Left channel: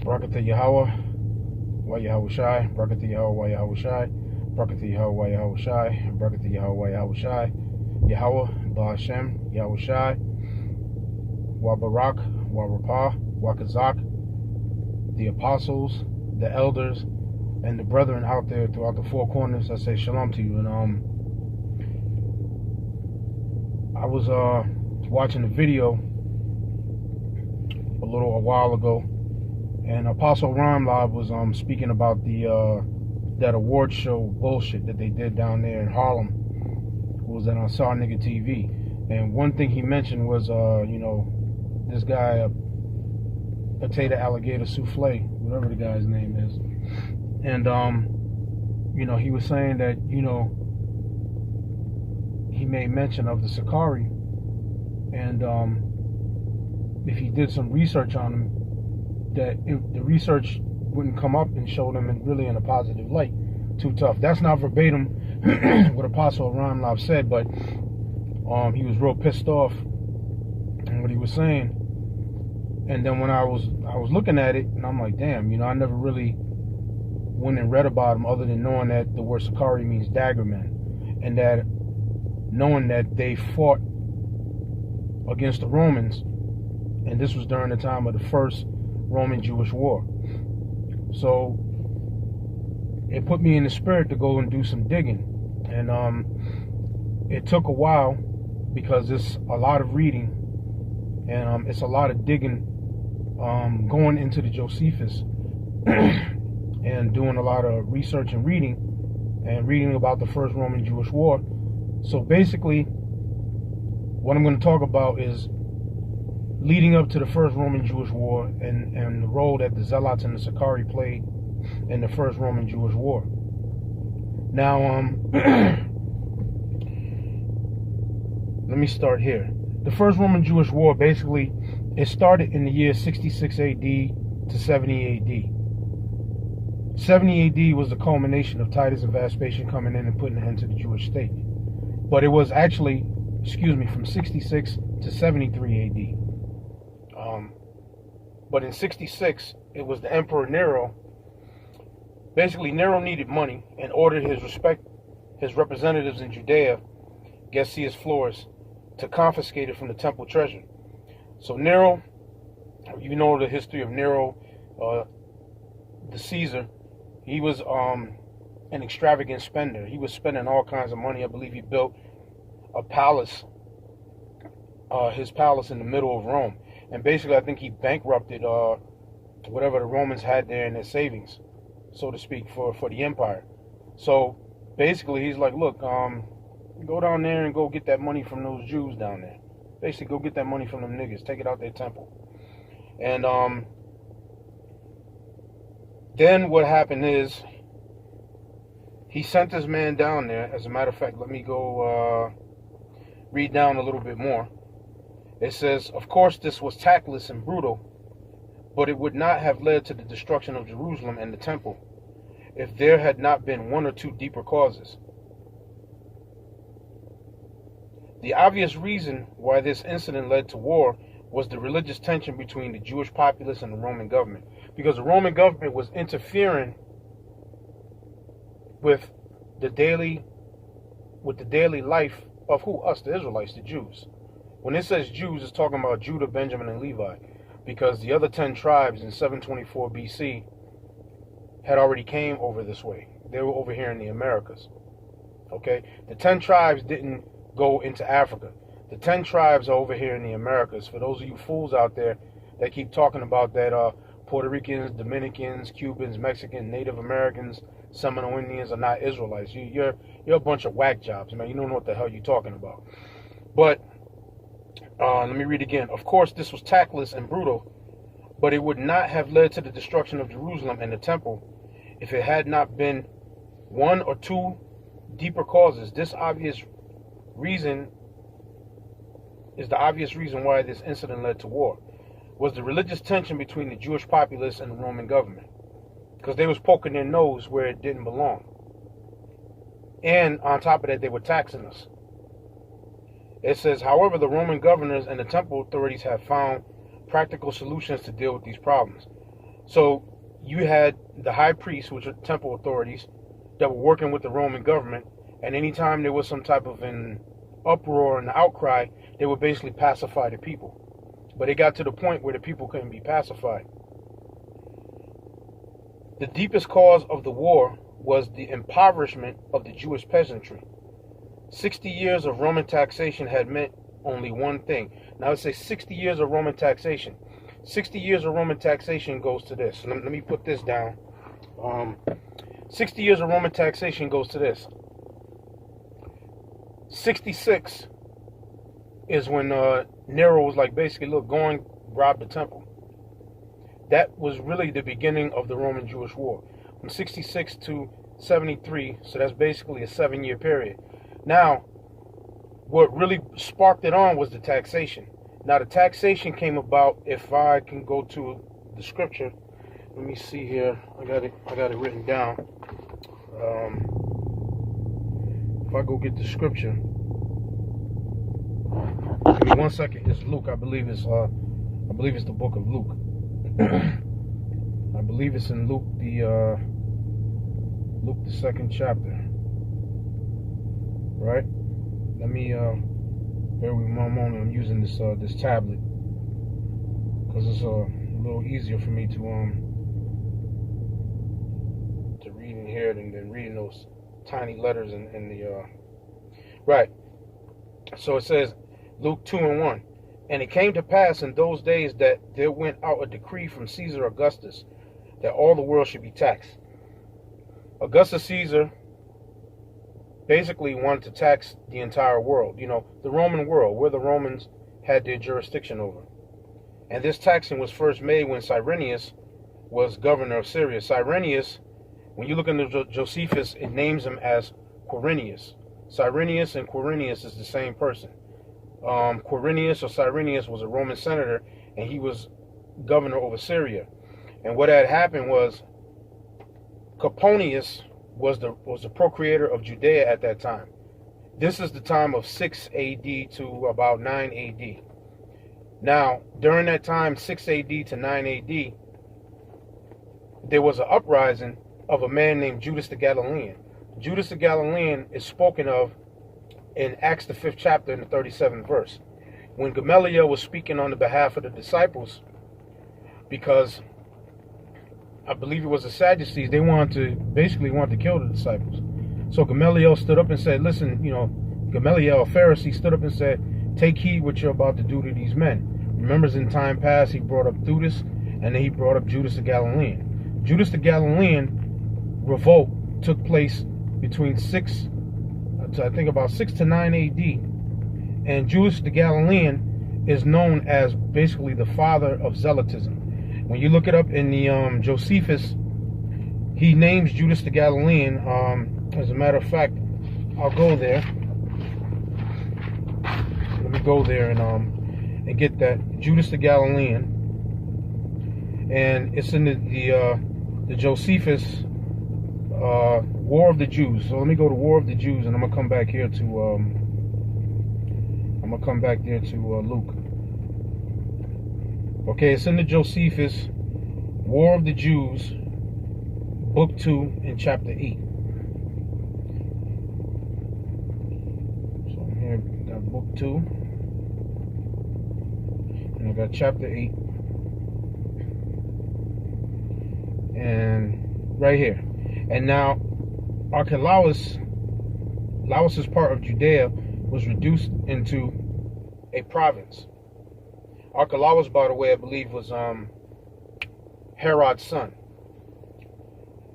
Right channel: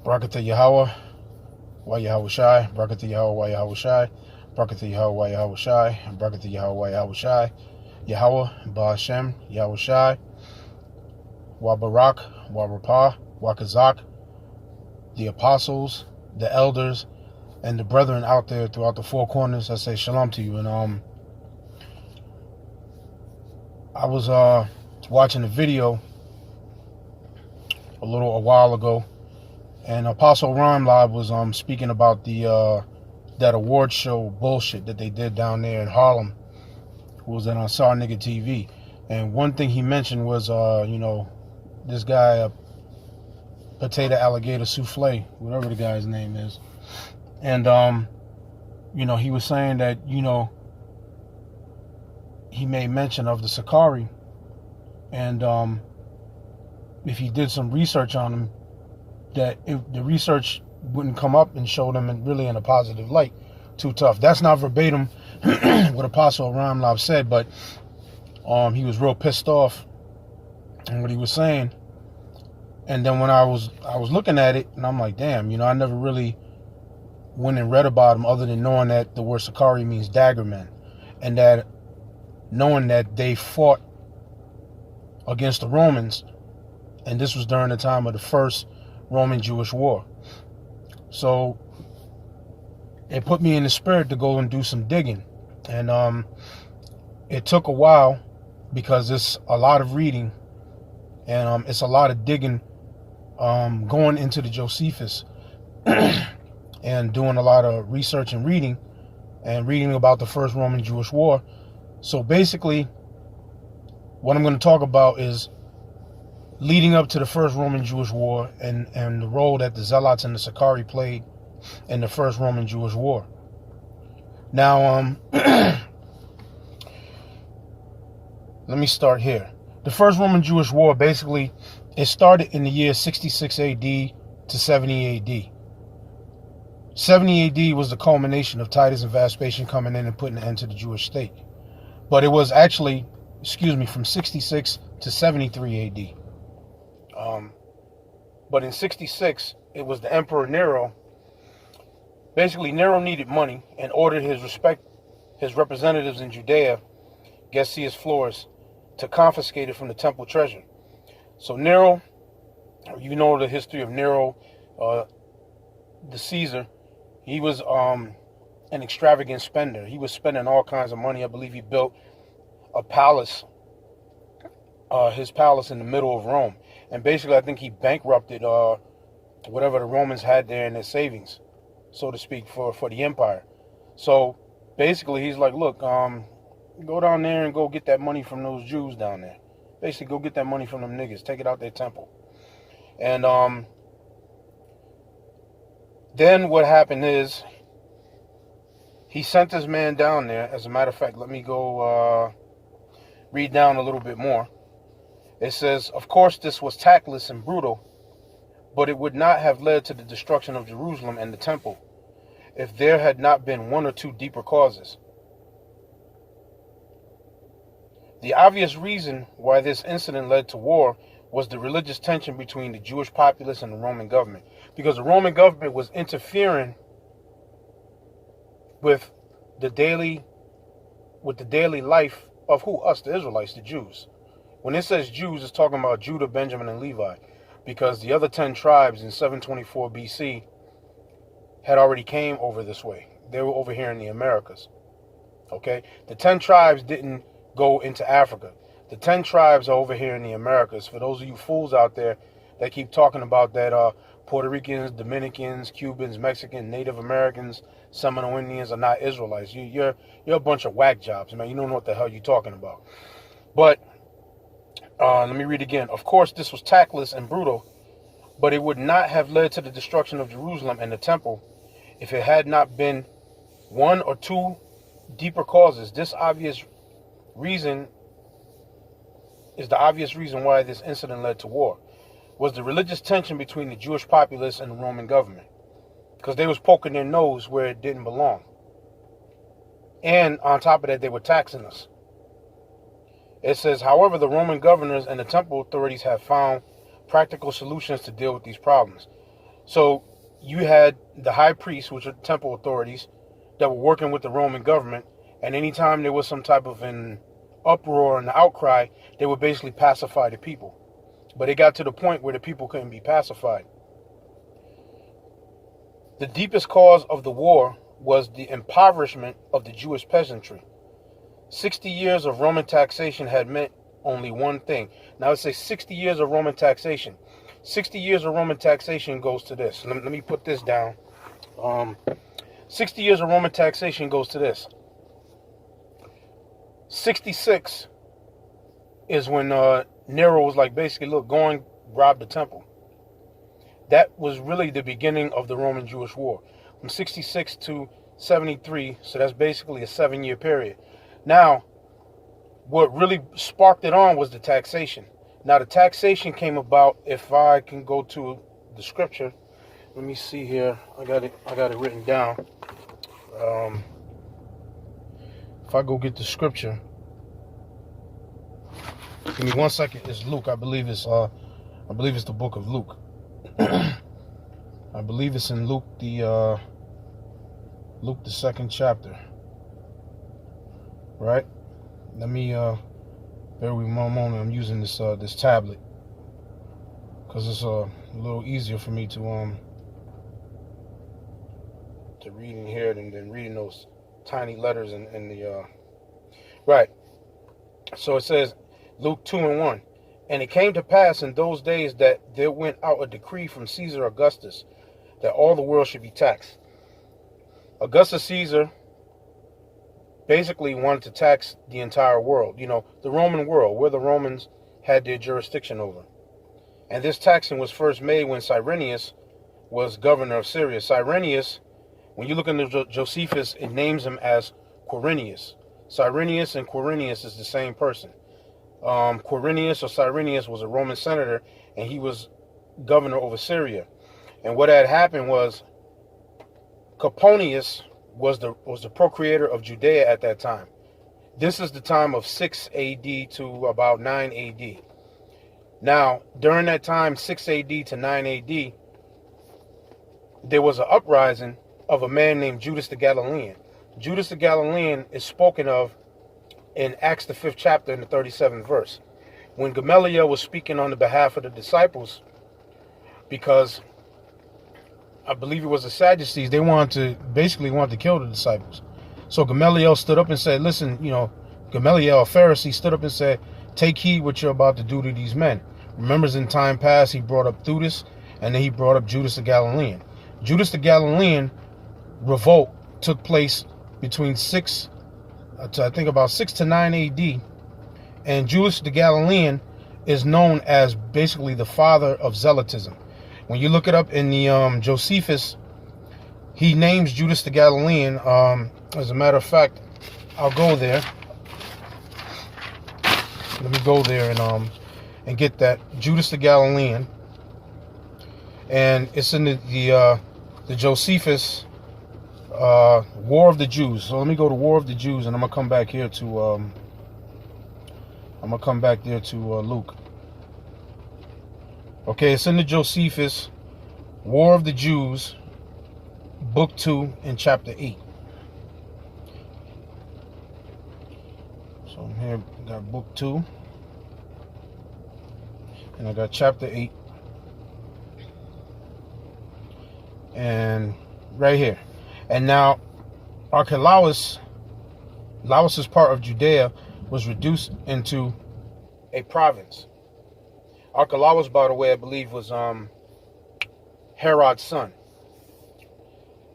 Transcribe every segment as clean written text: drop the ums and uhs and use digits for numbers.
Barakatah Yahweh, Wa Yahweh Shai, Barakatah Yahweh, Wa Yahweh Shai, Barakatah Yahweh, Wa Yahweh Shai, Barakatah Yahweh, Wa Yahweh Shai, Yahweh, Ba Hashem, Yahweh Shai, Wa Barak, Wa Rapah, Wa Kazak, the apostles, the elders, and the brethren out there throughout the four corners. I say shalom to you. And I was watching a video a while ago, and Apostle Ron Live was speaking about the that award show bullshit that they did down there in Harlem. It was on Sar Nigga TV, and one thing he mentioned was this guy Potato Alligator Souffle, whatever the guy's name is, and he was saying that he made mention of the Sakari, and if he did some research on him, that the research wouldn't come up and show them really in a positive light. Too tough. That's not verbatim what Apostle Ramlab said, but he was real pissed off in what he was saying. And then when I was looking at it, and I'm like, damn, I never really went and read about him other than knowing that the word Sakari means dagger men, and that knowing that they fought against the Romans, and this was during the time of the first Roman-Jewish war. So it put me in the spirit to go and do some digging, and it took a while because it's a lot of reading, and it's a lot of digging, going into the Josephus and doing a lot of research and reading about the first Roman-Jewish war. So basically, what I'm going to talk about is leading up to the first Roman-Jewish war and the role that the Zealots and the Sakari played in the first Roman-Jewish war. Now, let me start here. The first Roman-Jewish war, basically, it started in the year 66 AD to 70 AD. 70 AD was the culmination of Titus and Vespasian coming in and putting an end to the Jewish state. But it was actually, from 66 to 73 AD. But in 66, it was the Emperor Nero. Basically, Nero needed money and ordered his representatives in Judea, Gessius Florus, to confiscate it from the temple treasure. So Nero, you know the history of Nero, the Caesar. He was an extravagant spender. He was spending all kinds of money. I believe he built a palace, his palace in the middle of Rome. And basically, I think he bankrupted whatever the Romans had there in their savings, so to speak, for the empire. So basically, he's like, look, go down there and go get that money from those Jews down there. Basically, go get that money from them niggas. Take it out their temple. And then what happened is he sent his man down there. As a matter of fact, let me go read down a little bit more. It says, of course, this was tactless and brutal, but it would not have led to the destruction of Jerusalem and the temple if there had not been one or two deeper causes. The obvious reason why this incident led to war was the religious tension between the Jewish populace and the Roman government, because the Roman government was interfering with the daily life of who? Us, the Israelites, the Jews. When it says Jews, it's talking about Judah, Benjamin, and Levi, because the other 10 tribes in 724 BC had already came over this way. They were over here in the Americas. Okay? The 10 tribes didn't go into Africa. The 10 tribes are over here in the Americas. For those of you fools out there that keep talking about that Puerto Ricans, Dominicans, Cubans, Mexicans, Native Americans, Seminole Indians are not Israelites. You're a bunch of whack jobs, man. You don't know what the hell you're talking about. But let me read again. Of course, this was tactless and brutal, but it would not have led to the destruction of Jerusalem and the temple if it had not been one or two deeper causes. This obvious reason is the obvious reason why this incident led to war, was the religious tension between the Jewish populace and the Roman government, because they was poking their nose where it didn't belong. And on top of that, they were taxing us. It says, however, the Roman governors and the temple authorities have found practical solutions to deal with these problems. So you had the high priests, which are temple authorities, that were working with the Roman government, and anytime there was some type of an uproar and outcry, they would basically pacify the people. But it got to the point where the people couldn't be pacified. The deepest cause of the war was the impoverishment of the Jewish peasantry. 60 years of Roman taxation had meant only one thing. Now let's say 60 years of Roman taxation. 60 years of Roman taxation goes to this. Let me put this down. 60 years of Roman taxation goes to this. 66 is when Nero was like, basically, look, go and rob the temple. That was really the beginning of the Roman-Jewish War. From 66 to 73, so that's basically a 7-year period. Now, what really sparked it on was the taxation. Now, the taxation came about, if I can go to the scripture. Let me see here. I got it written down. If I go get the scripture. Give me 1 second. It's Luke. I believe it's the book of Luke. I believe it's in Luke the 2nd chapter. Right? Let me bear with me one moment. I'm using this tablet because it's a little easier for me to read in here than reading those tiny letters in the right. So it says Luke 2:1. And it came to pass in those days that there went out a decree from Caesar Augustus that all the world should be taxed. Augustus Caesar basically wanted to tax the entire world, the Roman world, where the Romans had their jurisdiction over. And this taxing was first made when Cyrenius was governor of Syria. Cyrenius, when you look into Josephus, it names him as Quirinius. Cyrenius and Quirinius is the same person. Quirinius or Cyrenius was a Roman senator, and he was governor over Syria. And what had happened was Coponius was the procreator of Judea at that time. This is the time of 6 AD to about 9 AD. Now, during that time, 6 AD to 9 AD, there was an uprising of a man named Judas the Galilean. Judas the Galilean is spoken of in Acts the 5th chapter in the 37th verse. When Gamaliel was speaking on the behalf of the disciples, because I believe it was the Sadducees, they wanted to kill the disciples. So Gamaliel stood up and said, listen, Gamaliel, a Pharisee, stood up and said, take heed what you're about to do to these men. Remember, in time past, he brought up Theudas, and then he brought up Judas the Galilean. Judas the Galilean revolt took place between 6 to 9 AD, and Judas the Galilean is known as basically the father of zealotism. When you look it up in the Josephus, he names Judas the Galilean. As a matter of fact, I'll go there. Let me go there and get that Judas the Galilean, and it's in the Josephus War of the Jews. So let me go to War of the Jews, and I'm gonna come back here to Luke. Okay, it's in the Josephus War of the Jews, book 2 and chapter 8. So here I got book 2, and I got chapter 8, and right here. And now Archelaus, Laus's part of Judea, was reduced into a province. Archelaus, by the way, I believe was Herod's son.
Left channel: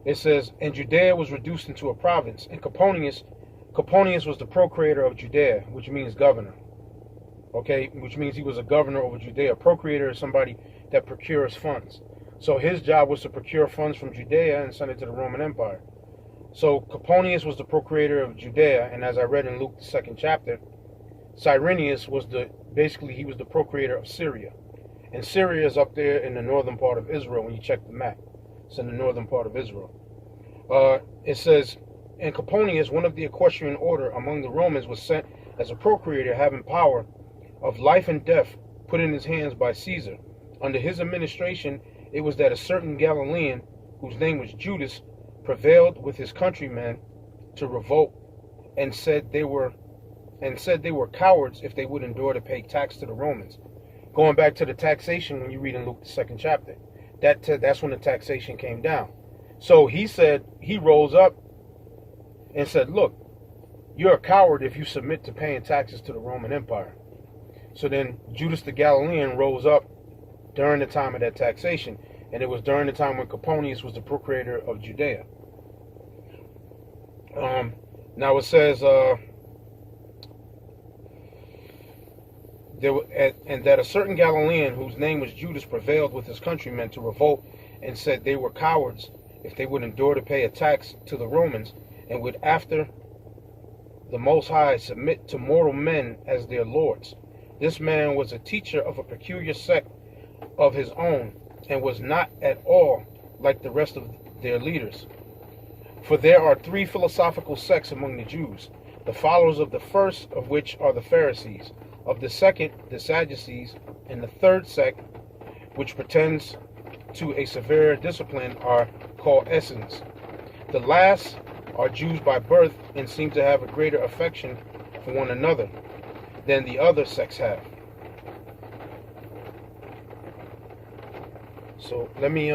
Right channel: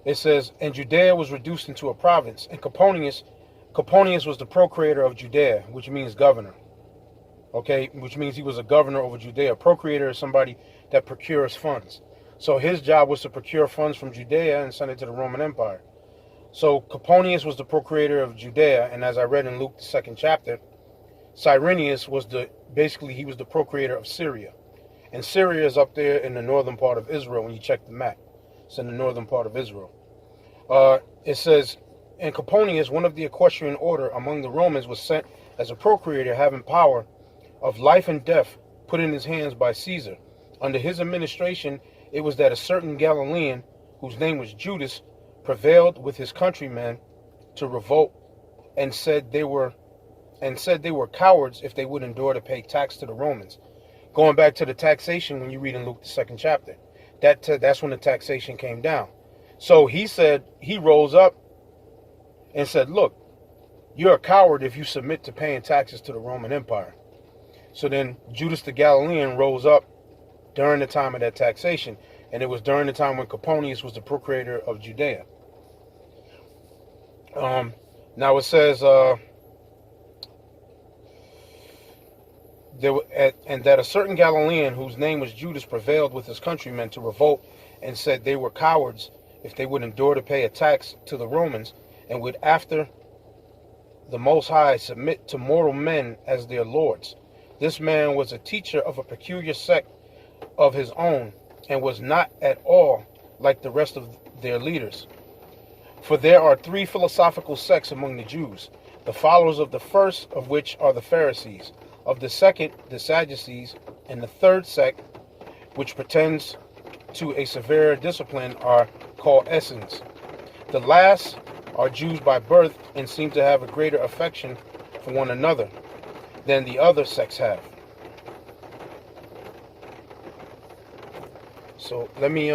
It says, and Judea was reduced into a province, and Coponius was the procreator of Judea, which means governor. Okay, which means he was a governor over Judea. Procreator is somebody that procures funds. So his job was to procure funds from Judea and send it to the Roman Empire. So Coponius was the procreator of Judea, and as I read in Luke the 2nd chapter, Cyrenius was he was the procreator of Syria. And Syria is up there in the northern part of Israel when you check the map. It's in the northern part of Israel. It says, and Coponius, one of the equestrian order among the Romans, was sent as a procreator having power of life and death put in his hands by Caesar, Under his administration, it was that a certain Galilean, whose name was Judas, prevailed with his countrymen to revolt, and said they were cowards if they would endure to pay tax to the Romans. Going back to the taxation, when you read in Luke the 2nd chapter, that's when the taxation came down. So he rose up and said, look, you're a coward if you submit to paying taxes to the Roman Empire. So then Judas the Galilean rose up during the time of that taxation, and it was during the time when Coponius was the procurator of Judea. Now it says, and that a certain Galilean, whose name was Judas, prevailed with his countrymen to revolt, and said they were cowards if they would endure to pay a tax to the Romans, and would after the Most High submit to mortal men as their lords. This man was a teacher of a peculiar sect of his own, and was not at all like the rest of their leaders. For there are 3 philosophical sects among the Jews, the followers of the first of which are the Pharisees, of the second the Sadducees, and the third sect, which pretends to a severer discipline, are called Essenes. The last are Jews by birth, and seem to have a greater affection for one another than the other sects have. So let me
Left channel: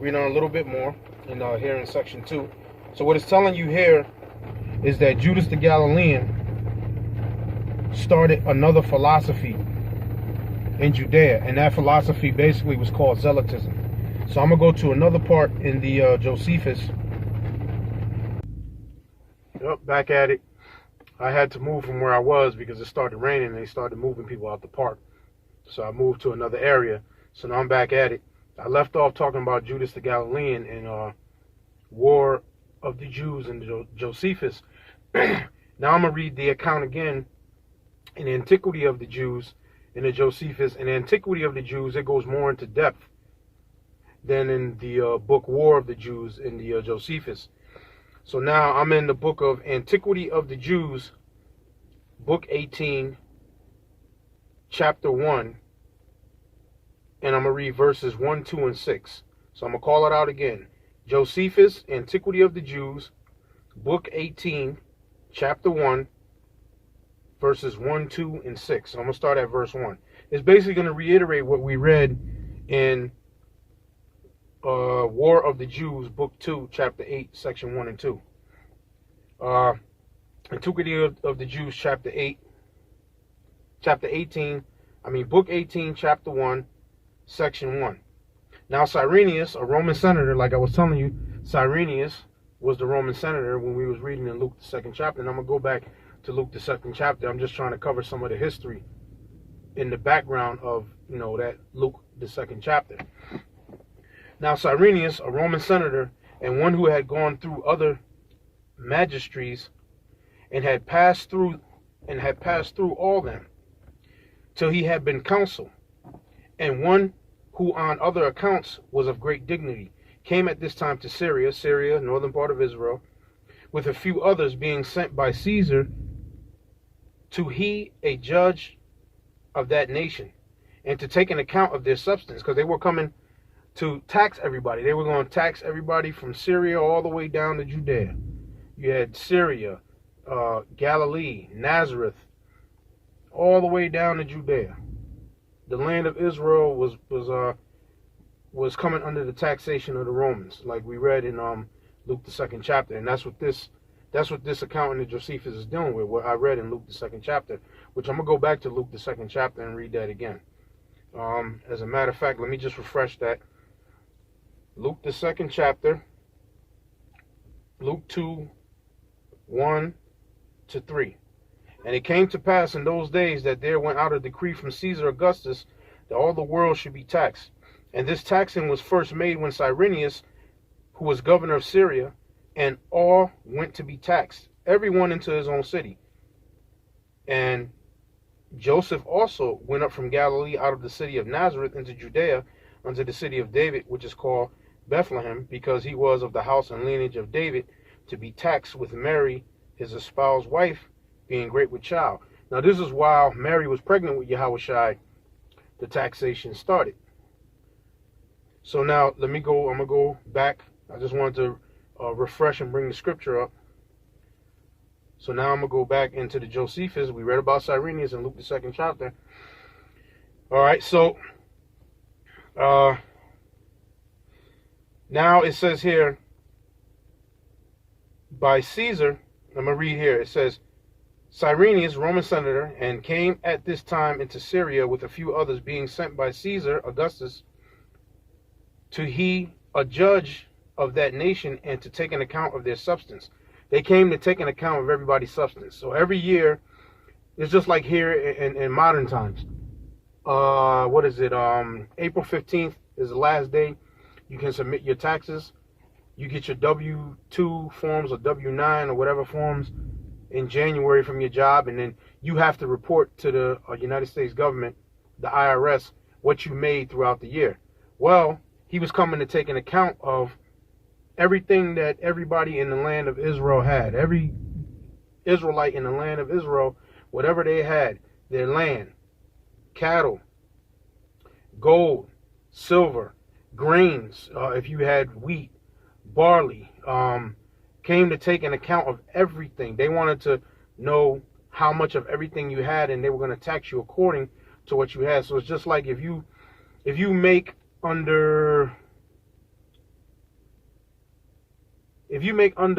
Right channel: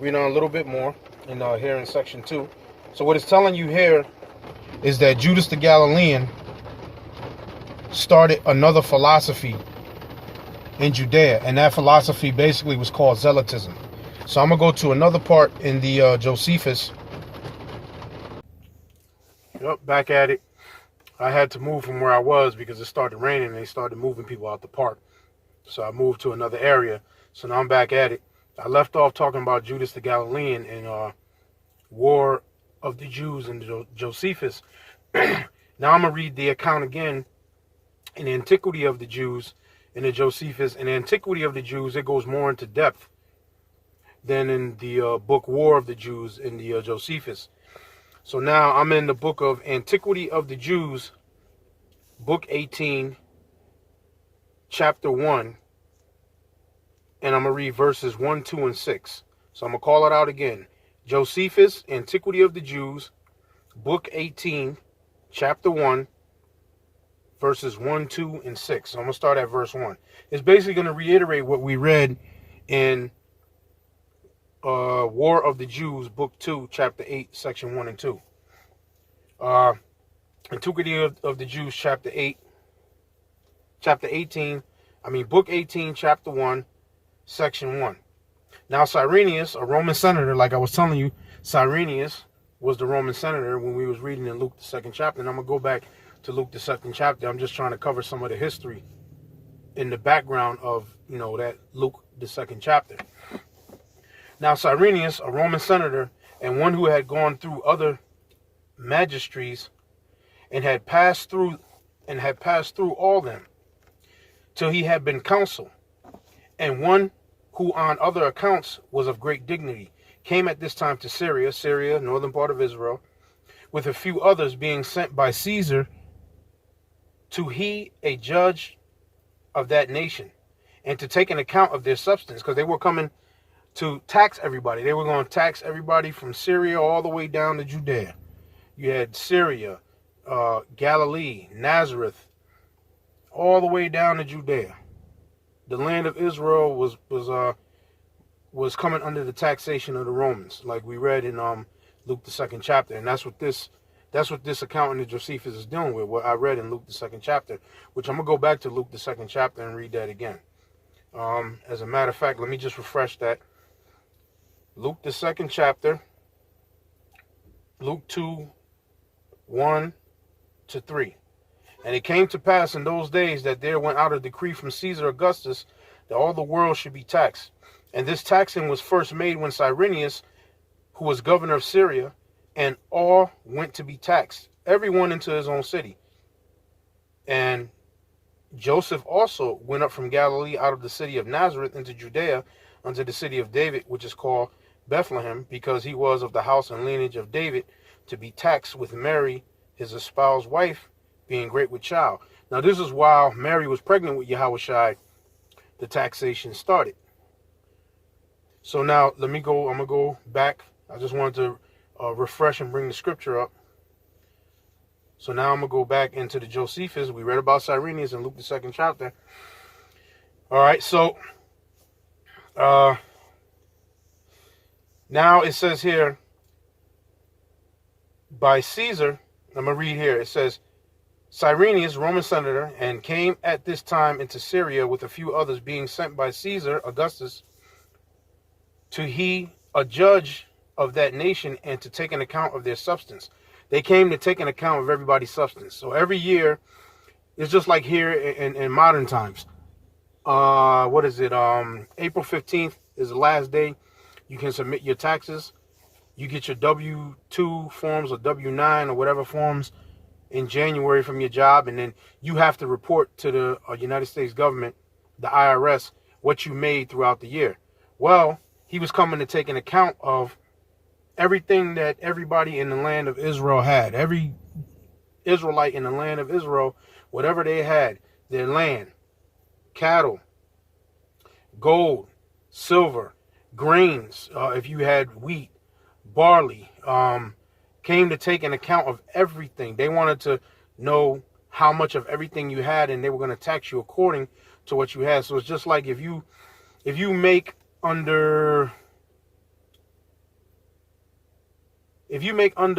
read on a little bit more here in section 2. So what it's telling you here is that Judas the Galilean started another philosophy in Judea, and that philosophy basically was called Zealotism. So I'm gonna go to another part in the Josephus. Yep, back at it. I had to move from where I was because it started raining and they started moving people out the park. So I moved to another area. So now I'm back at it. I left off talking about Judas the Galilean and War of the Jews and Josephus. Now I'm going to read the account again in Antiquity of the Jews in the Josephus. In Antiquity of the Jews, it goes more into depth than in the book War of the Jews in the Josephus. So now I'm in the book of Antiquity of the Jews, book 18, chapter 1. And I'm going to read verses 1, 2, and 6. So I'm going to call it out again. Josephus, Antiquity of the Jews, book 18, chapter 1, verses 1, 2, and 6. So I'm going to start at verse 1. It's basically going to reiterate what we read in War of the Jews, book 2, chapter 8, section 1 and 2. Antiquity of the Jews, chapter 18, book 18, chapter 1, section 1. Now Cyrenius, a Roman senator, like I was telling you, Cyrenius was the Roman senator when we was reading in Luke the 2nd chapter. And I'm going to go back to Luke the 2nd chapter. I'm just trying to cover some of the history in the background of, that Luke the 2nd chapter. Now Cyrenius, a Roman senator, and one who had gone through other magistracies and had passed through all them till he had been consul, and one who on other accounts was of great dignity, came at this time to Syria, northern part of Israel, with a few others, being sent by Caesar to he a judge of that nation, and to take an account of their substance, because they were coming to tax everybody. They were going to tax everybody from Syria all the way down to Judea. You had Syria, Galilee, Nazareth, all the way down to Judea. The land of Israel was coming under the taxation of the Romans, like we read in Luke the 2nd chapter, and that's what this account in the Josephus is dealing with. What I read in Luke the 2nd chapter, which I'm gonna go back to Luke the 2nd chapter and read that again. As a matter of fact, let me just refresh that. Luke the 2nd chapter, Luke 2, 1 to 3. And it came to pass in those days that there went out a decree from Caesar Augustus that all the world should be taxed. And this taxing was first made when Cyrenius, who was governor of Syria, and all went to be taxed, everyone into his own city. And Joseph also went up from Galilee out of the city of Nazareth into Judea unto the city of David, which is called Bethlehem, because he was of the house and lineage of David, to be taxed with Mary, his espoused wife, being great with child. Now this is while Mary was pregnant with Yahushua, the taxation started. So now I'm going to go back. I just wanted to refresh and bring the scripture up. So now I'm going to go back into the Josephus. We read about Cyrenius in Luke, the 2nd chapter. All right, so now it says here, by Caesar, I'm going to read here. It says, Cyrenius, Roman senator, and came at this time into Syria with a few others, being sent by Caesar Augustus to he a judge of that nation and to take an account of their substance. They came to take an account of everybody's substance. So every year, it's just like here in modern times. What is it? April 15th is the last day you can submit your taxes. You get your W-2 forms or W-9 or whatever forms in January from your job, and then you have to report to the United States government, the IRS, what you made throughout the year. Well, he was coming to take an account of everything that everybody in the land of Israel had. Every Israelite in the land of Israel, whatever they had, their land, cattle, gold, silver, grains, if you had wheat, barley, came to take an account of everything. They wanted to know how much of everything you had, and they were going to tax you according to what you had. So it's just like if you make under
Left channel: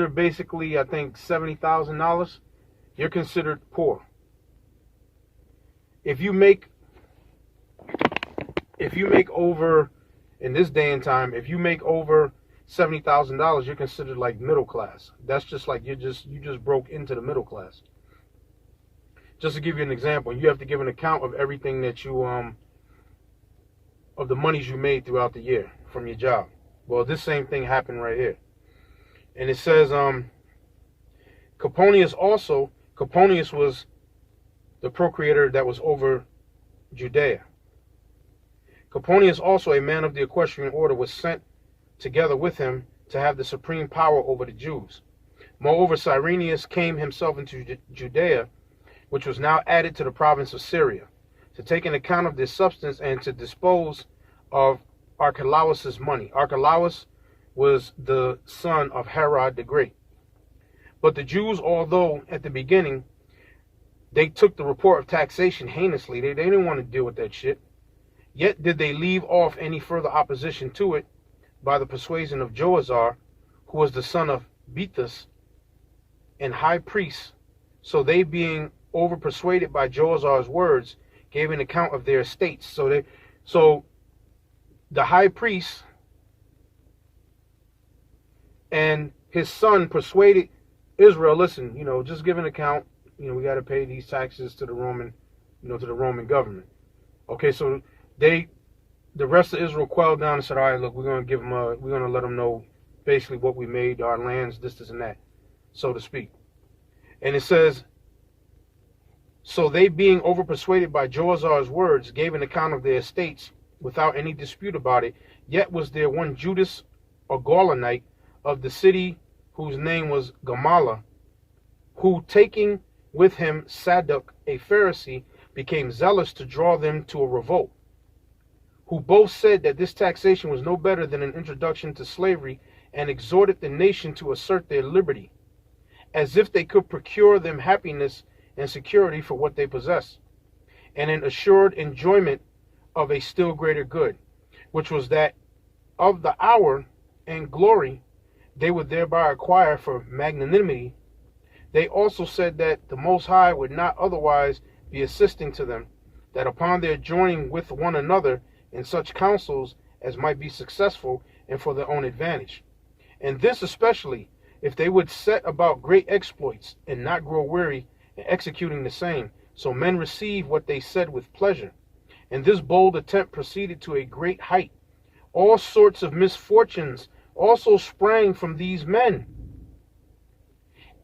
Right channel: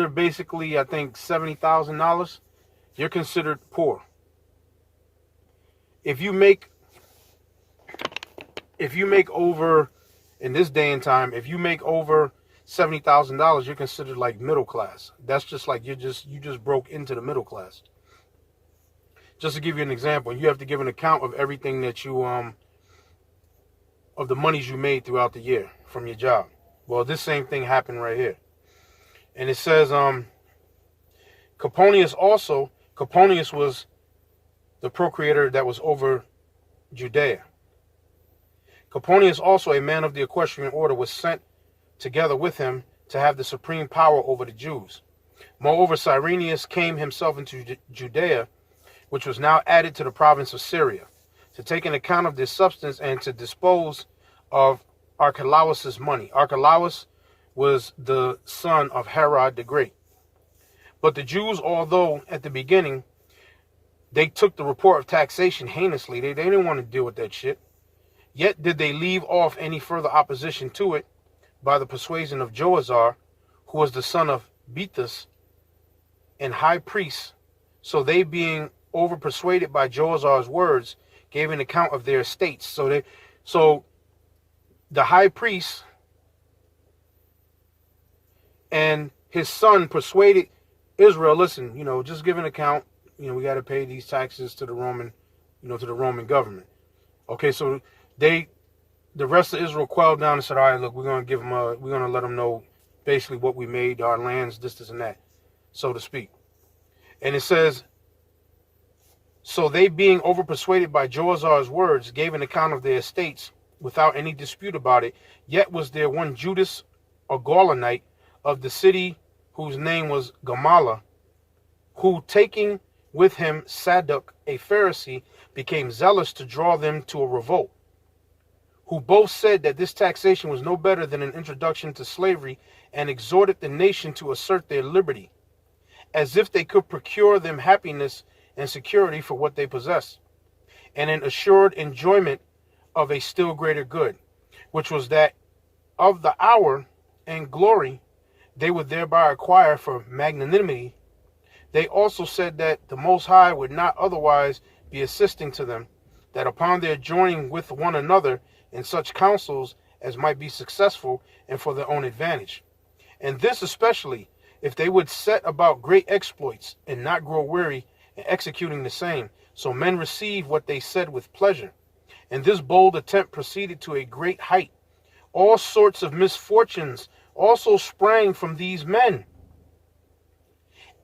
basically, I think $70,000, you're considered poor. If you make over, in this day and time, if you make over $70,000, you're considered like middle class. That's just like you just broke into the middle class. Just to give you an example, you have to give an account of everything that you of the monies you made throughout the year from your job. Well, this same thing happened right here. And it says Coponius was the procurator that was over Judea. Coponius also, a man of the equestrian order, was sent together with him to have the supreme power over the Jews. Moreover, Cyrenius came himself into Judea, which was now added to the province of Syria, to take an account of this substance and to dispose of Archelaus's money. Archelaus was the son of Herod the Great. But the Jews, although at the beginning they took the report of taxation heinously, they didn't want to deal with that shit, yet did they leave off any further opposition to it by the persuasion of Joazar, who was the son of Bethus and high priest. So they, being over persuaded by Joazar's words, gave an account of their estates. So the high priest and his son persuaded Israel, listen, just give an account. We got to pay these taxes to the Roman, to the Roman government. Okay, so the rest of Israel quelled down and said, all right, look, we're going to let them know basically what we made, our lands, this and that, so to speak. And it says, so they, being overpersuaded by Joazar's words, gave an account of their estates without any dispute about it. Yet was there one Judas, a Gaulonite, of the city, whose name was Gamala, who, taking with him Sadok, a Pharisee, became zealous to draw them to a revolt, who both said that this taxation was no better than an introduction to slavery, and exhorted the nation to assert their liberty, as if they could procure them happiness and security for what they possess, and an assured enjoyment of a still greater good, which was that of the hour and glory they would thereby acquire for magnanimity. They also said that the Most High would not otherwise be assisting to them, that upon their joining with one another in such counsels as might be successful and for their own advantage, and this especially if they would set about great exploits and not grow weary in executing the same, so men receive what they said with pleasure. And this bold attempt proceeded to a great height. All sorts of misfortunes also sprang from these men,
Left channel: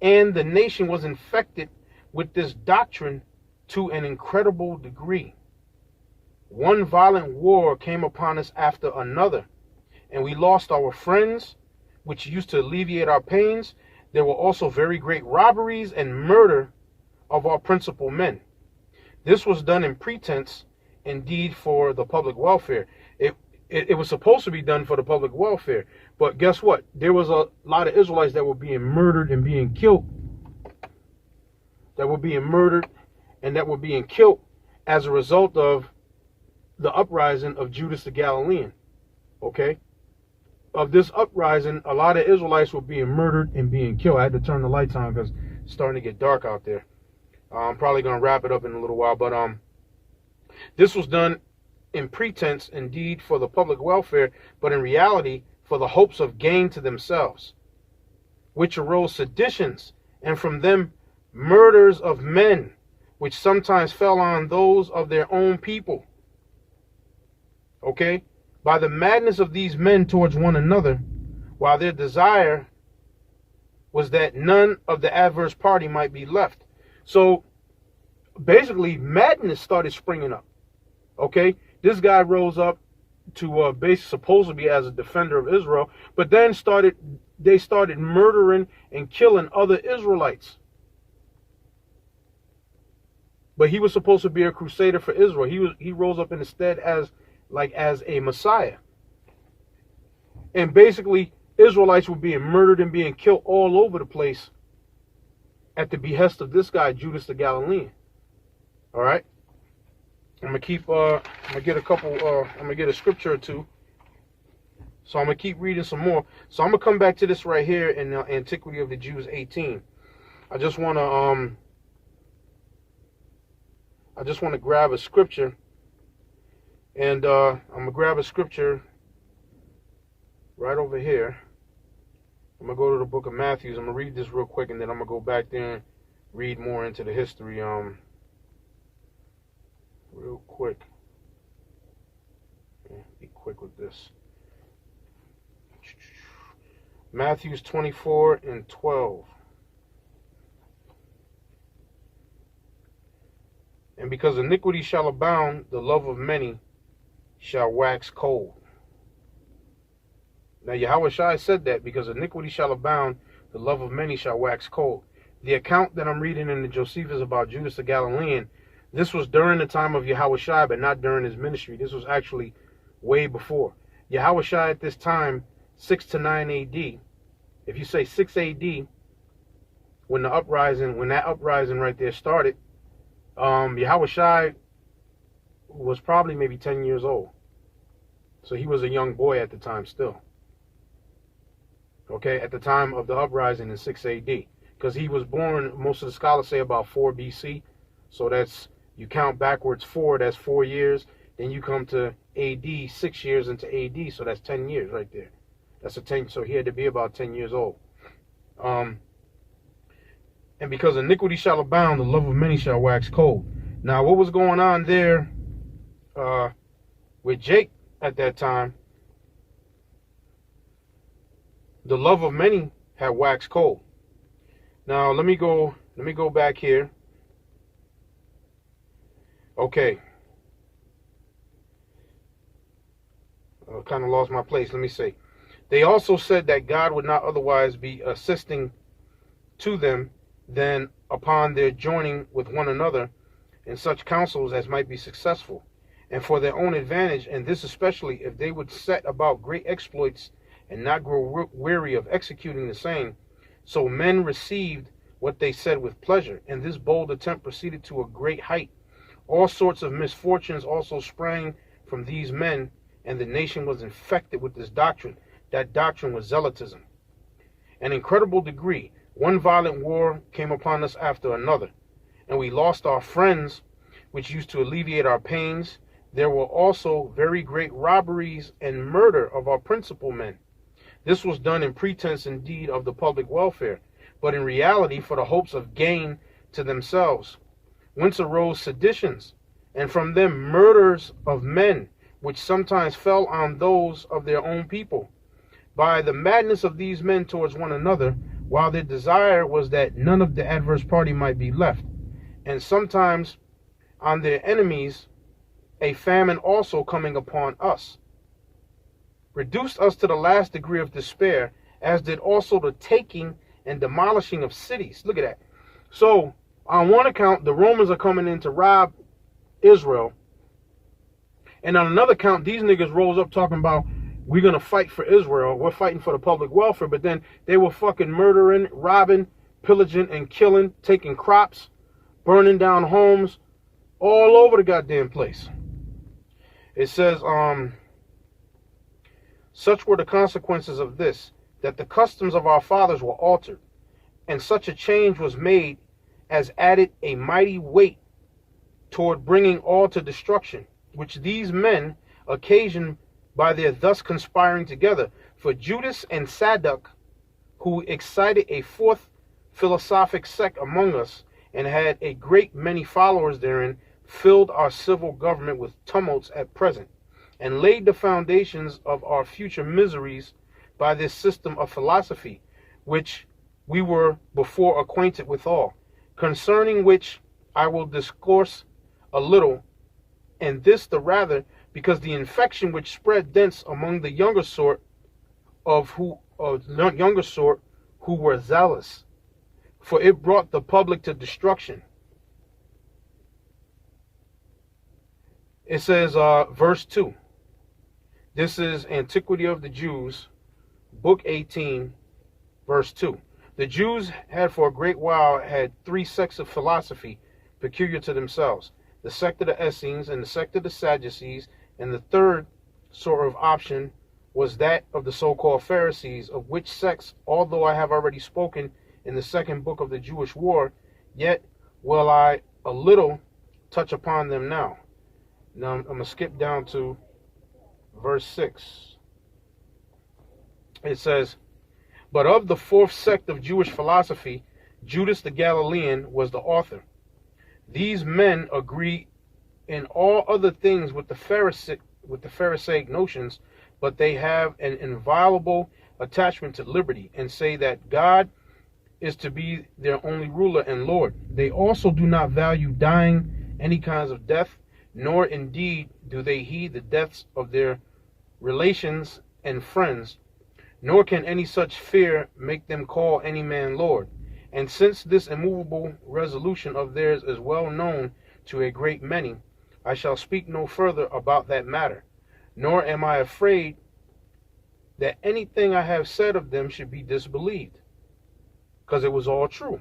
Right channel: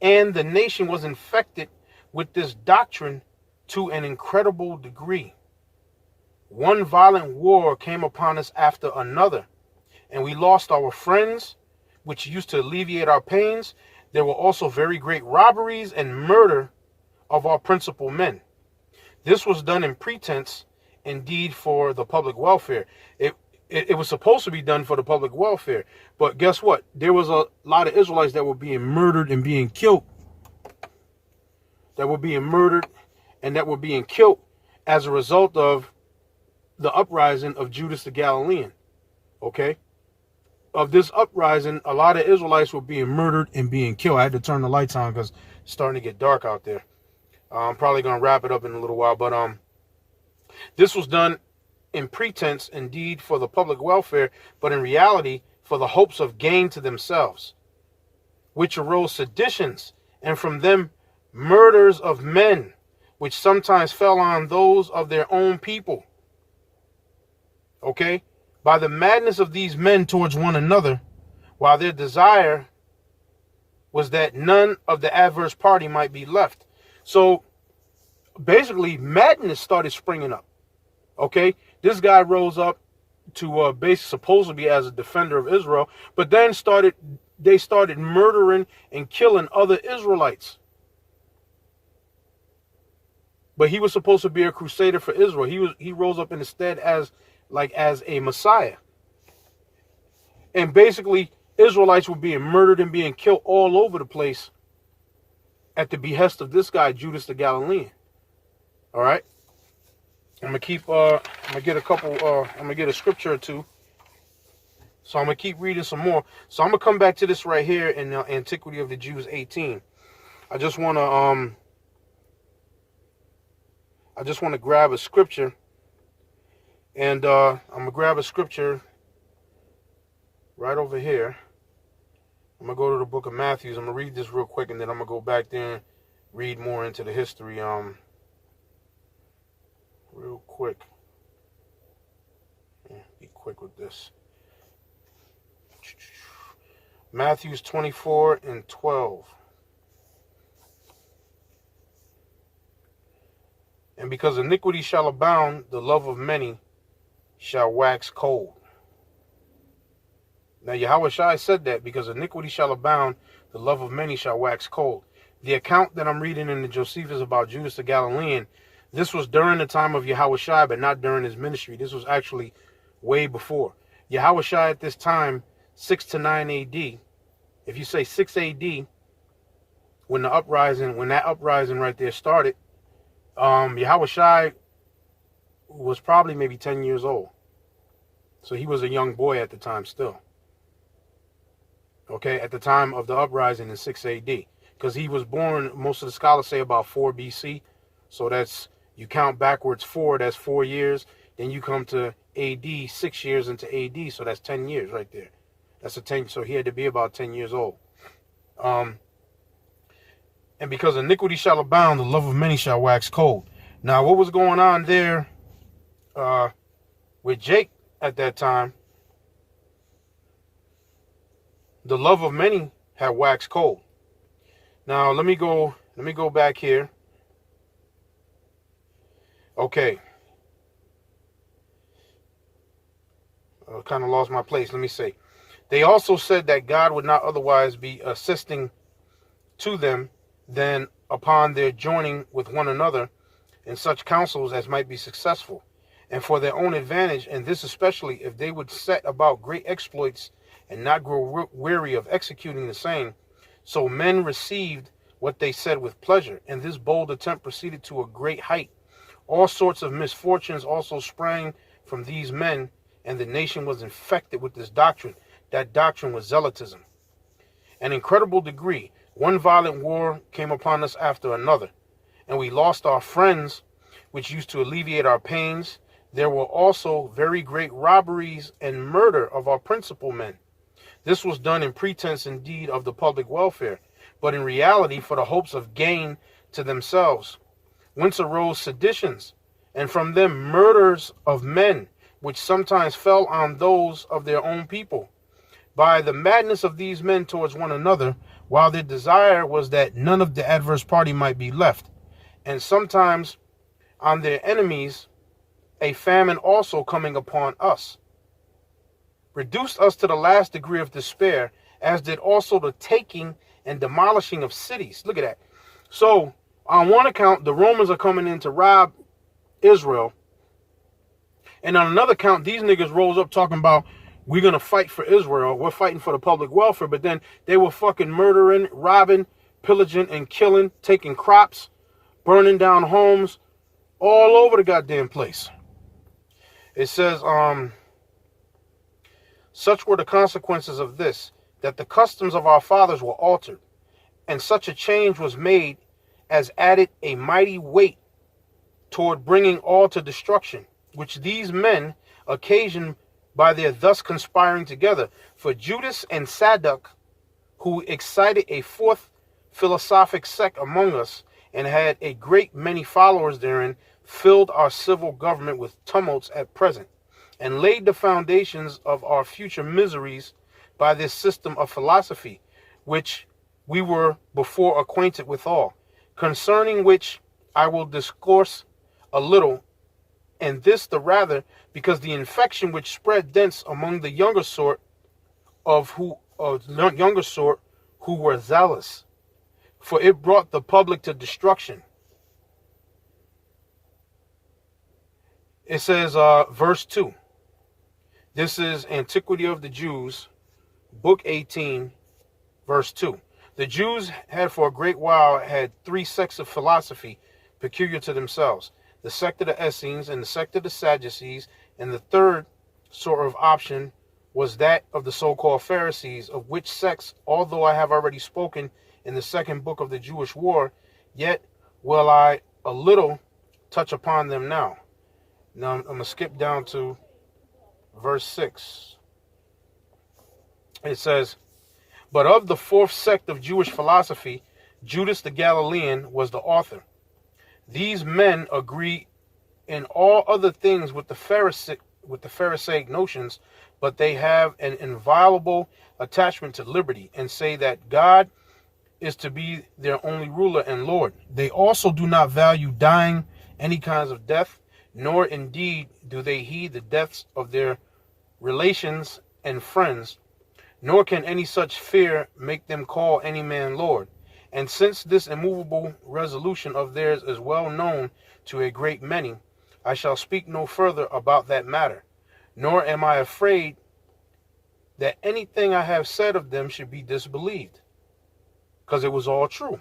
and the nation was infected with this doctrine to an incredible degree. One violent war came upon us after another, and we lost our friends, which used to alleviate our pains. There were also very great robberies and murder of our principal men. This was done in pretense, indeed for the public welfare. It was supposed to be done for the public welfare. But guess what? There was a lot of Israelites that were being murdered and being killed. That were being murdered and that were being killed as a result of the uprising of Judas the Galilean. Okay? Of this uprising, a lot of Israelites were being murdered and being killed. I had to turn the lights on because it's starting to get dark out there. I'm probably going to wrap it up in a little while. But this was done in pretense, indeed, for the public welfare, but in reality, for the hopes of gain to themselves, which arose seditions, and from them murders of men, which sometimes fell on those of their own people. Okay? By the madness of these men towards one another, while their desire was that none of the adverse party might be left. So basically, madness started springing up. Okay? This guy rose up to supposedly as a defender of Israel, but then they started murdering and killing other Israelites. But he was supposed to be a crusader for Israel. He rose up in the stead as a Messiah. And basically, Israelites were being murdered and being killed all over the place at the behest of this guy, Judas the Galilean. All right? I'm gonna get a scripture or two. So I'm gonna keep reading some more. So I'm gonna come back to this right here in Antiquity of the Jews 18. I just wanna grab a scripture, and I'm gonna grab a scripture right over here. I'm gonna go to the book of Matthew. I'm gonna read this real quick, and then I'm gonna go back there and read more into the history. Real quick. Be quick with this. Matthews 24 and 12. And because iniquity shall abound, the love of many shall wax cold. Now Yahushua said that because iniquity shall abound, the love of many shall wax cold. The account that I'm reading in the Josephus about Judas the Galilean, this was during the time of Yahushua, but not during his ministry. This was actually way before. Yahushua at this time, 6 to 9 AD. If you say 6 AD, when that uprising right there started, Yahushua was probably maybe 10 years old. So he was a young boy at the time still. Okay, at the time of the uprising in 6 AD. Because he was born, most of the scholars say about 4 BC. So that's, you count backwards 4, that's 4 years. Then you come to AD, 6 years into AD, so that's 10 years right there. That's a 10, so he had to be about 10 years old. And because iniquity shall abound, the love of many shall wax cold. Now, what was going on there with Jake at that time? The love of many had waxed cold. Now, let me go back here. Okay. I kind of lost my place. Let me see. They also said that God would not otherwise be assisting to them than upon their joining with one another in such counsels as might be successful, and for their own advantage, and this especially if they would set about great exploits and not grow weary of executing the same. So men received what they said with pleasure, and this bold attempt proceeded to a great height. All sorts of misfortunes also sprang from these men, and the nation was infected with this doctrine. That doctrine was zealotism. An incredible degree. One violent war came upon us after another, and we lost our friends, which used to alleviate our pains. There were also very great robberies and murder of our principal men. This was done in pretense indeed of the public welfare, but in reality for the hopes of gain to themselves. Whence arose seditions, and from them murders of men, which sometimes fell on those of their own people. By the madness of these men towards one another, while their desire was that none of the adverse party might be left, and sometimes on their enemies, a famine also coming upon us, reduced us to the last degree of despair, as did also the taking and demolishing of cities. Look at that. So, on one account, the Romans are coming in to rob Israel, And on another count, these niggas rose up talking about, we're going to fight for Israel. We're fighting for the public welfare. But then they were fucking murdering, robbing, pillaging, and killing, taking crops, burning down homes all over the goddamn place. It says, such were the consequences of this, that the customs of our fathers were altered, and such a change was made as added a mighty weight toward bringing all to destruction, which these men occasioned by their thus conspiring together. For Judas and Sadduc, who excited a fourth philosophic sect among us, and had a great many followers therein, filled our civil government with tumults at present, and laid the foundations of our future miseries by this system of philosophy, which we were before acquainted withal, concerning which I will discourse a little, and this the rather because the infection which spread thence among the younger sort who were zealous, for it brought the public to destruction. It says, verse 2. This is Antiquity of the Jews, book 18, verse 2. The Jews had for a great while had three sects of philosophy peculiar to themselves: the sect of the Essenes, and the sect of the Sadducees, and the third sort of option was that of the so-called Pharisees, of which sects, although I have already spoken in the second book of the Jewish War, yet will I a little touch upon them now. Now I'm going to skip down to verse 6. It says, but of the fourth sect of Jewish philosophy, Judas the Galilean was the author. These men agree in all other things with the Pharisaic notions, but they have an inviolable attachment to liberty, and say that God is to be their only ruler and Lord. They also do not value dying any kinds of death, nor indeed do they heed the deaths of their relations and friends, nor can any such fear make them call any man Lord. And since this immovable resolution of theirs is well known to a great many, I shall speak no further about that matter, nor am I afraid that anything I have said of them should be disbelieved, because it was all true,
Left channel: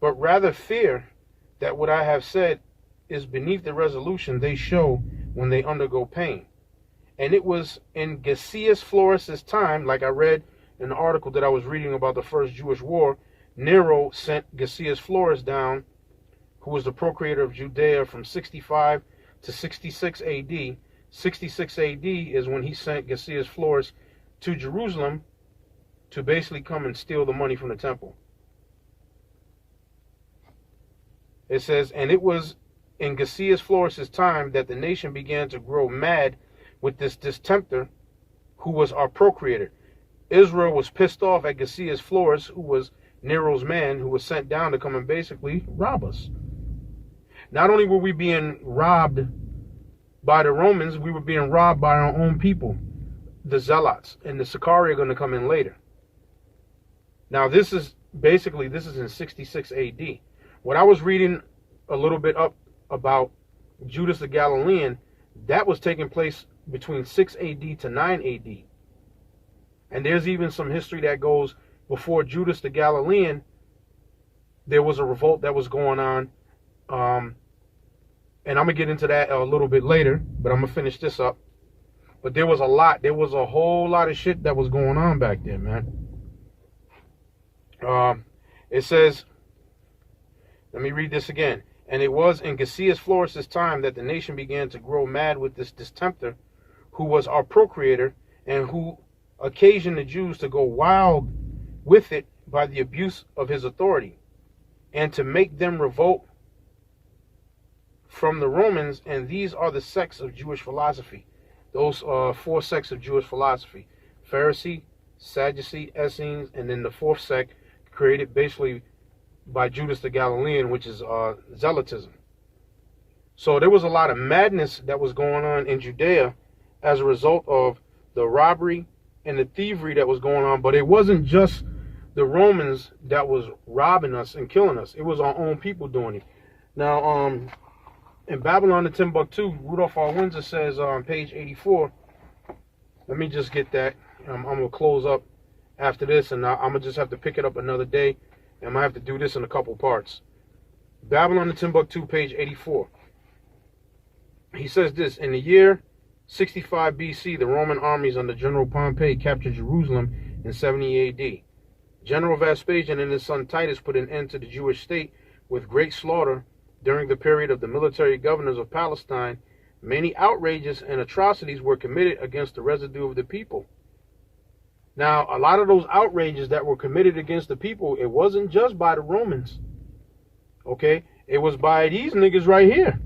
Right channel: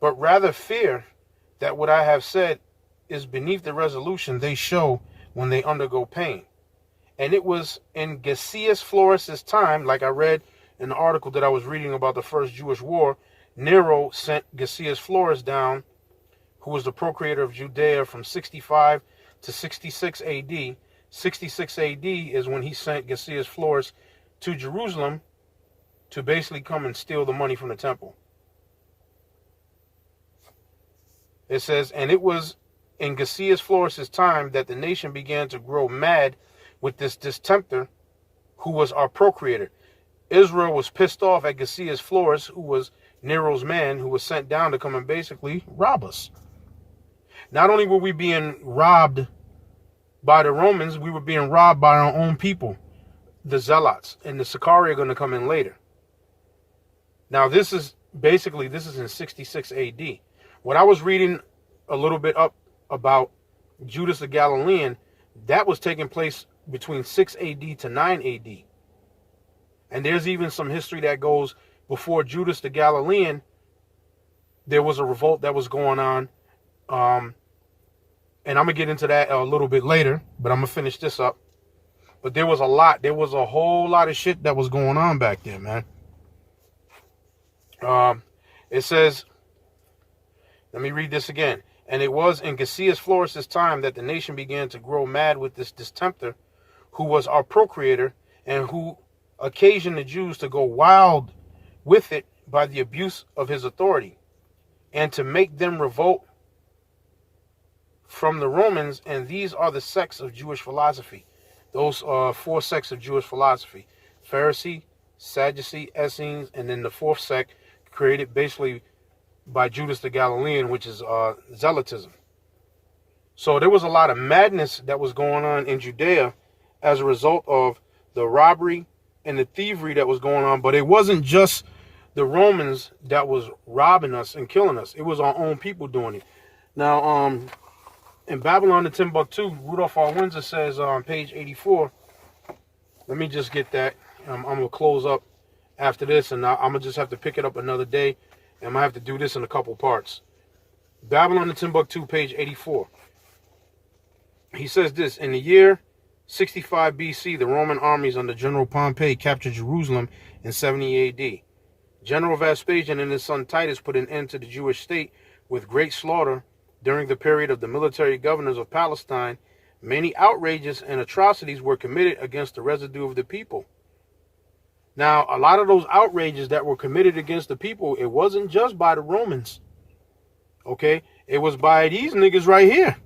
but rather fear that what I have said is beneath the resolution they show when they undergo pain. And it was in Gaius Floris's time, like I read in the article that I was reading about the First Jewish War, Nero sent Gaius Floris down, who was the procurator of Judea from 65 to 66 AD. 66 AD is when he sent Gaius Floris to Jerusalem to basically come and steal the money from the temple. It says, and it was in Gaius Floris's time that the nation began to grow mad with this distempter, who was our procurator. Israel was pissed off at Gaius Floris, who was Nero's man, who was sent down to come and basically rob us. Not only were we being robbed by the Romans, we were being robbed by our own people, the Zealots, and the Sicarii are going to come in later. Now this is in 66 AD. When I was reading a little bit up about Judas the Galilean, that was taking place between 6 AD to 9 AD. And there's even some history that goes before Judas the Galilean, there was a revolt that was going on. And I'm going to get into that a little bit later, but I'm going to finish this up. But there was a whole lot of shit that was going on back there, man. It says, let me read this again. And it was in Gaius Floris's time that the nation began to grow mad with this distempter, who was our procurator, and who occasioned the Jews to go wild with it by the abuse of his authority, and to make them revolt from the Romans. And these are the sects of Jewish philosophy. Those four sects of Jewish philosophy: Pharisee, Sadducee, Essenes, and then the fourth sect created basically by Judas the Galilean, which is Zealotism. So there was a lot of madness that was going on in Judea as a result of the robbery and the thievery that was going on. But it wasn't just the Romans that was robbing us and killing us. It was our own people doing it. Now, in Babylon and Timbuktu, Rudolph R. Windsor says on page 84, let me just get that. I'm going to close up after this, and I'm going to just have to pick it up another day. And I'm going to have to do this in a couple parts. Babylon and Timbuktu, page 84. He says this: in the year 65 BC, the Roman armies under General Pompey captured Jerusalem in 70 AD. General Vespasian and his son Titus put an end to the Jewish state with great slaughter. During the period of the military governors of Palestine, many outrages and atrocities were committed against the residue of the people. Now, a lot of those outrages that were committed against the people, it wasn't just by the Romans. Okay? It was by these niggas right here.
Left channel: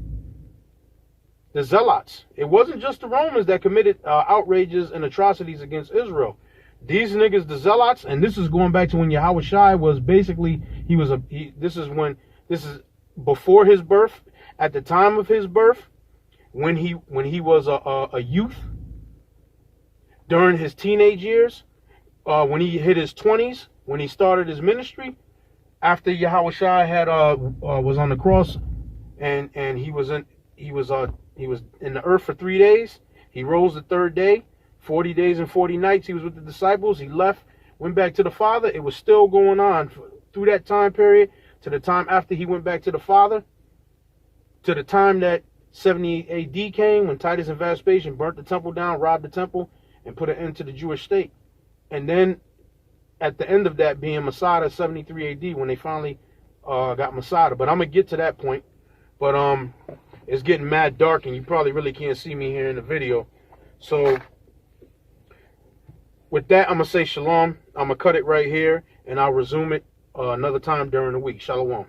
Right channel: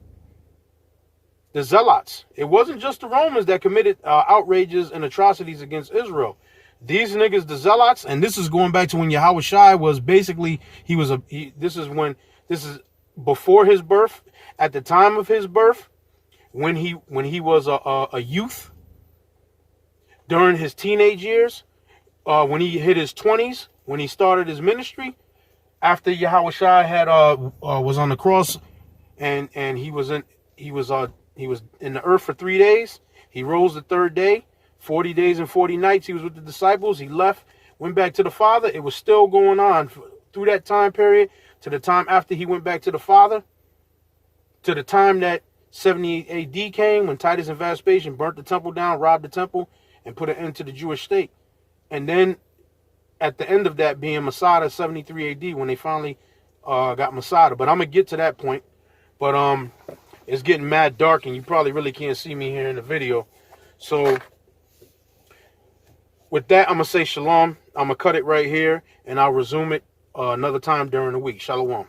The Zealots. It wasn't just the Romans that committed outrages and atrocities against Israel. These niggas, the Zealots, and this is going back to when Yahushua was basically, this is before his birth, at the time of his birth, when he was a youth, during his teenage years, when he hit his 20s, when he started his ministry, after Yahushua had was on the cross, and he was in the earth for 3 days. He rose the third day. 40 days and 40 nights he was with the disciples. He left, went back to the Father. It was still going on through that time period, to the time after he went back to the Father, to the time that 70 AD came, when Titus and Vespasian burnt the temple down, robbed the temple, and put an end to the Jewish state. And then at the end of that being Masada, 73 AD, when they finally got Masada. But I'm going to get to that point. But it's getting mad dark, and you probably really can't see me here in the video. So with that, I'm going to say shalom. I'm going to cut it right here, and I'll resume it another time during the week. Shalom.